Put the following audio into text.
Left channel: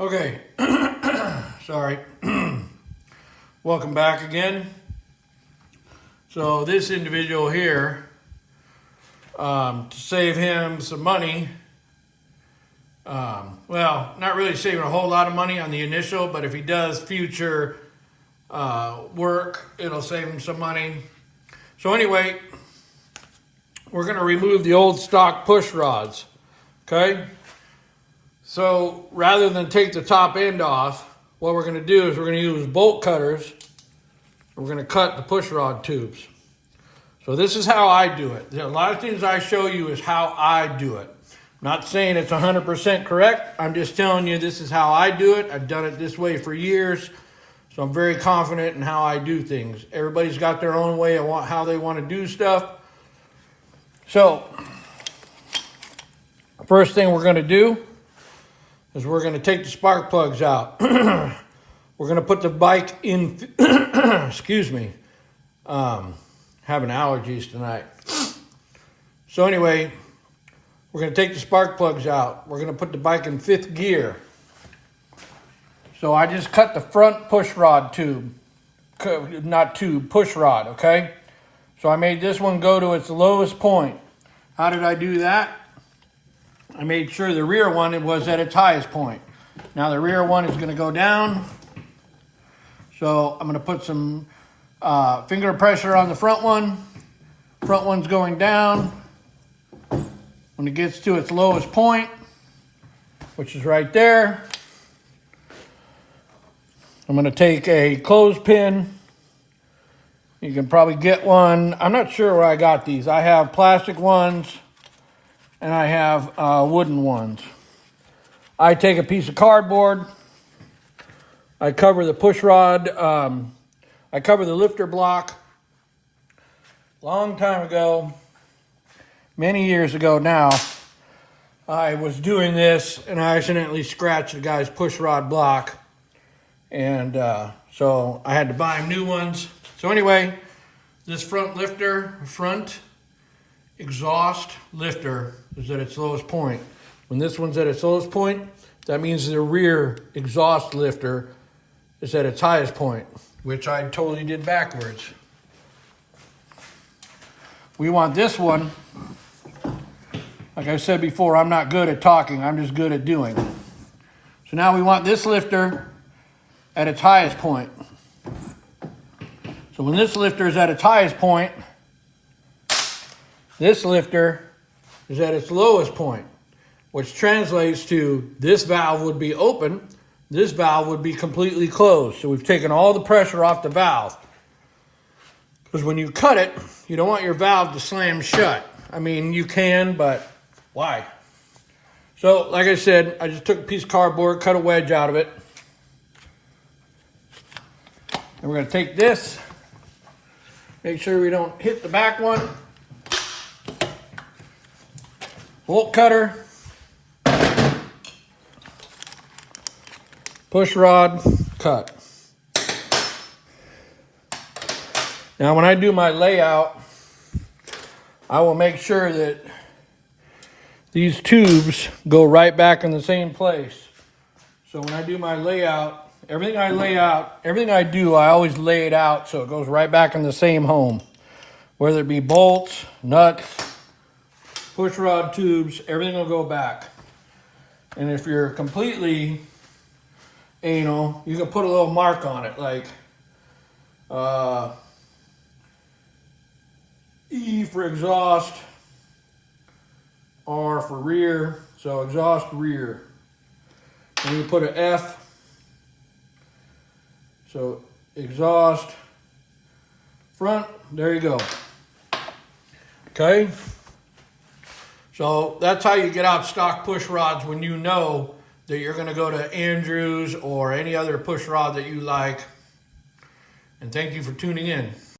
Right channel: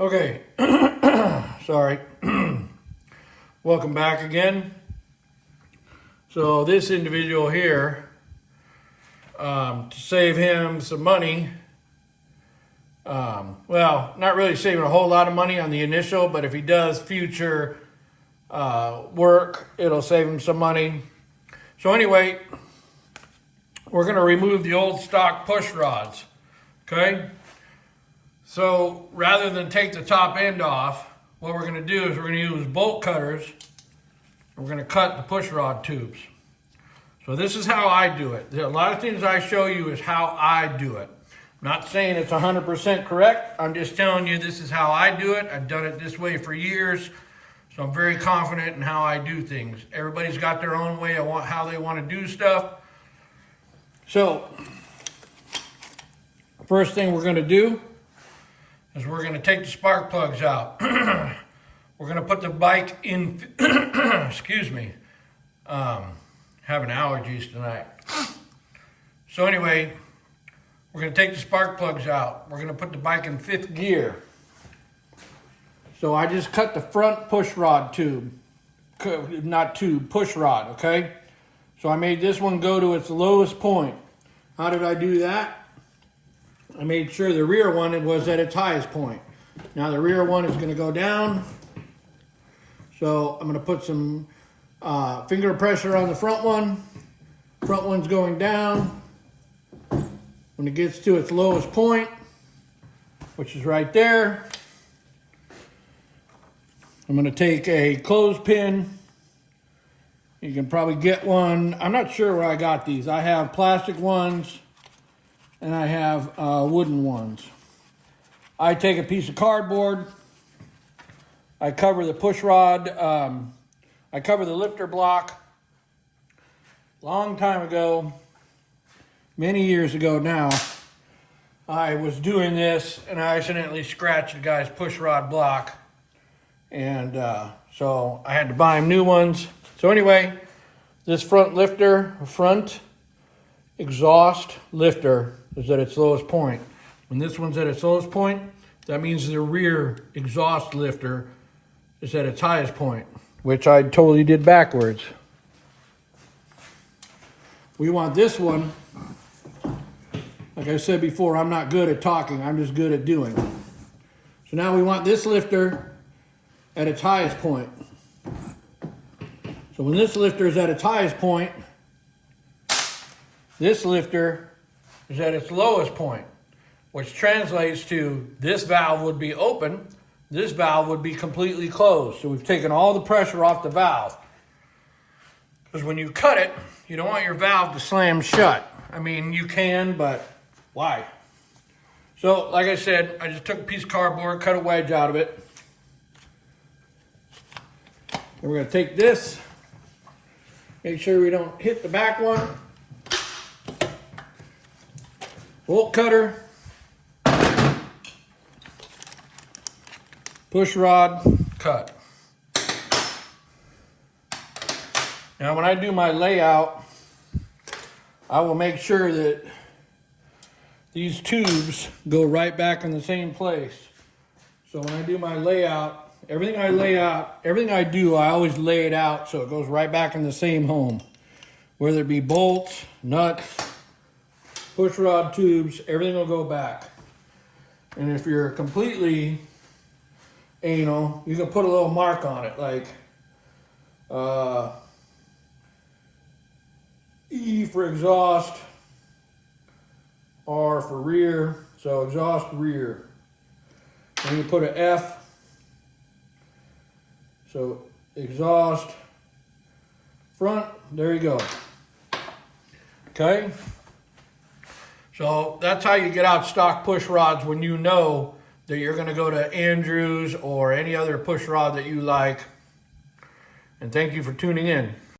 Okay, sorry. Welcome back again. So this individual here, to save him some money, well, not really saving a whole lot of money on the initial, but if he does future work, it'll save him some money. So anyway, we're going to remove the old stock push rods, okay? So rather than take the top end off, what we're going to do is we're going to use bolt cutters. We're going to cut the push rod tubes. So this is how I do it. A lot of things I show you is how I do it. I'm not saying it's 100% correct. I'm just telling you this is how I do it. I've done it this way for years. So I'm very confident in how I do things. Everybody's got their own way of how they want to do stuff. So first thing we're going to do is we're going to take the spark plugs out. We're going to put the bike in, excuse me, having allergies tonight. So anyway, we're going to take the spark plugs out. We're going to put the bike in 5th gear. So I just cut the front push rod tube, not tube, push rod, okay? So I made this one go to its lowest point. How did I do that? I made sure the rear one was at its highest point. Now the rear one is going to go down. So I'm going to put some finger pressure on the front one. Front one's going down. When it gets to its lowest point, which is right there, I'm going to take a clothespin. You can probably get one. I'm not sure where I got these. I have plastic ones and I have wooden ones. I take a piece of cardboard. I cover the push rod. I cover the lifter block. Long time ago, many years ago now, I was doing this and I accidentally scratched the guy's push rod block. And so I had to buy him new ones. So anyway, this front exhaust lifter is at its lowest point. When this one's at its lowest point, that means the rear exhaust lifter is at its highest point, which I totally did backwards. We want this one, like I said before, I'm not good at talking, I'm just good at doing. So now we want this lifter at its highest point. So when this lifter is at its highest point, this lifter is at its lowest point, which translates to this valve would be open, this valve would be completely closed. So we've taken all the pressure off the valve. Because when you cut it, you don't want your valve to slam shut. I mean, you can, but why? So, like I said, I just took a piece of cardboard, cut a wedge out of it. And we're going to take this, make sure we don't hit the back one. Bolt cutter. Push rod, cut. Now when I do my layout, I will make sure that these tubes go right back in the same place. So when I do my layout, everything I do, I always lay it out so it goes right back in the same home. Whether it be bolts, nuts, push rod tubes, everything will go back. And if you're completely anal, you can put a little mark on it, like E for exhaust, R for rear, so exhaust rear. And you put an F, so exhaust front, there you go. Okay, so that's how you get out stock push rods when you know that you're going to go to Andrews or any other push rod that you like. And thank you for tuning in.